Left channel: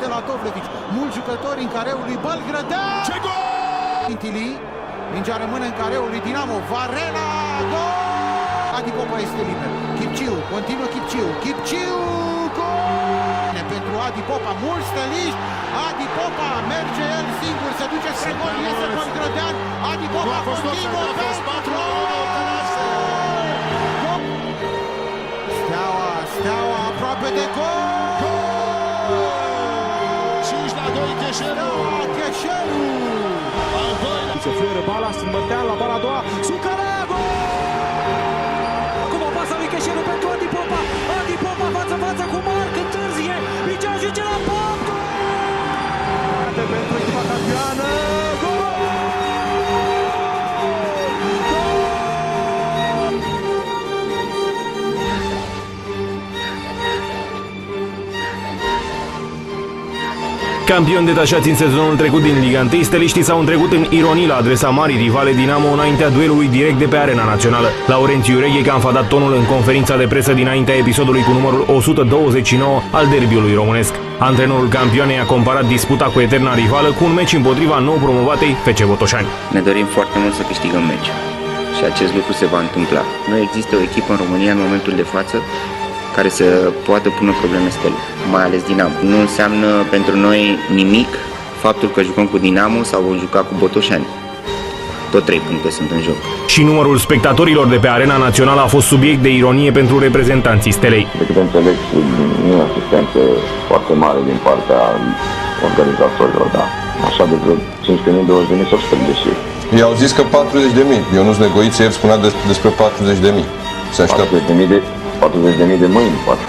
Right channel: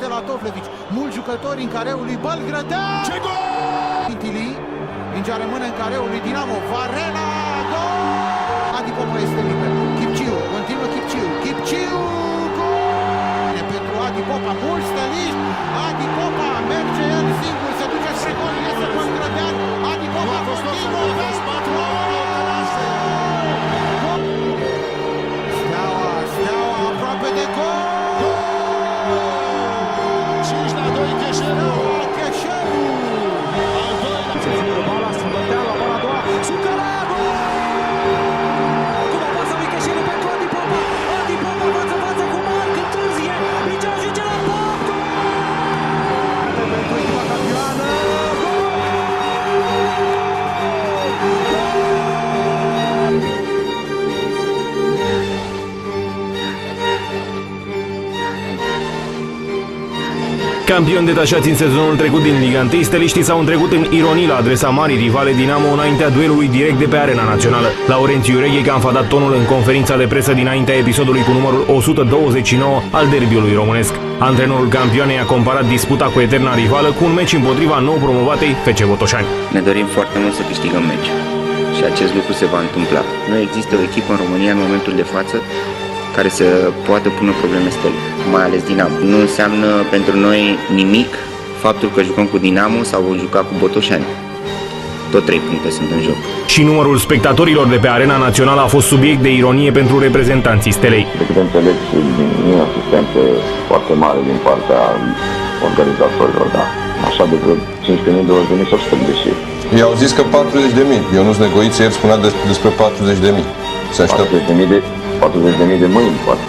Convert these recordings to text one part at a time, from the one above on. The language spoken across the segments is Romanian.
găsește la Tovlevici. Mulți jucători în careul lui Bălgrădean. Ce gol! Tintili, mingea rămâne în careul lui Dinamo. Varela, gol! Adi Popa este liber. Chipciu, continuă Chipciu, gol! Pentru Adi Popa, mulți stăliști. Adi Popa merge el singur, se duce spre gol, iese Bălgrădean. Adi Popa continuă pentru Steaua aproape de gol! 5-2 Cheșeru! Cheșeru! Al doilea! Se fluieră bala, Strâmbărtean la bala a doua, Sucărea, gol! Acum pasa lui Cheșeru pentru Adi Popa, Adi Popa față cu Marc, întârzie, mingea ajunge la pop, gol! Pentru echipa campioană, gol! Campioni detașați în sezonul trecut din Liga 1, steliștii s-au întrecut în ironii la adresa marii rivale Dinamo înaintea duelului direct de pe arena națională. Laurențiu Reghecan a dat tonul în conferința de presă dinaintea episodului cu numărul 129 al derbiului românesc. Antrenorul campioanei a comparat disputa cu eterna rivală cu un meci împotriva nou promovatei FC Botoșani. Ne dorim foarte mult să câștigăm meciul și acest lucru se va întâmpla. Nu există o echipă în România în momentul de față care să poată pune probleme Stelei, mai ales Dinamo. Nu înseamnă pentru noi nimic faptul că jucăm cu Dinamo sau vom juca cu Botoșani. Tot 3 puncte sunt în joc. Și numărul spectatorilor de pe arena națională a fost subiect de ironie pentru reprezentanții Stelei. De câte înțeleg, nu e asistență foarte mare din partea organizatorilor, da. Așa de vreo 15.000, 20.000 sau 100.000 și... Ei au zis că 40.000. Ionuț Negoiță ieri spunea despre 40.000. Se așteaptă 40.000 de mâini, poate.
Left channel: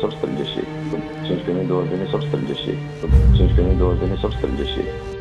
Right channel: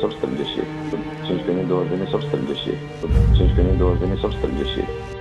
sau 130. 15.000, 20.000 sau 130. 15.000, 20.000 sau 130.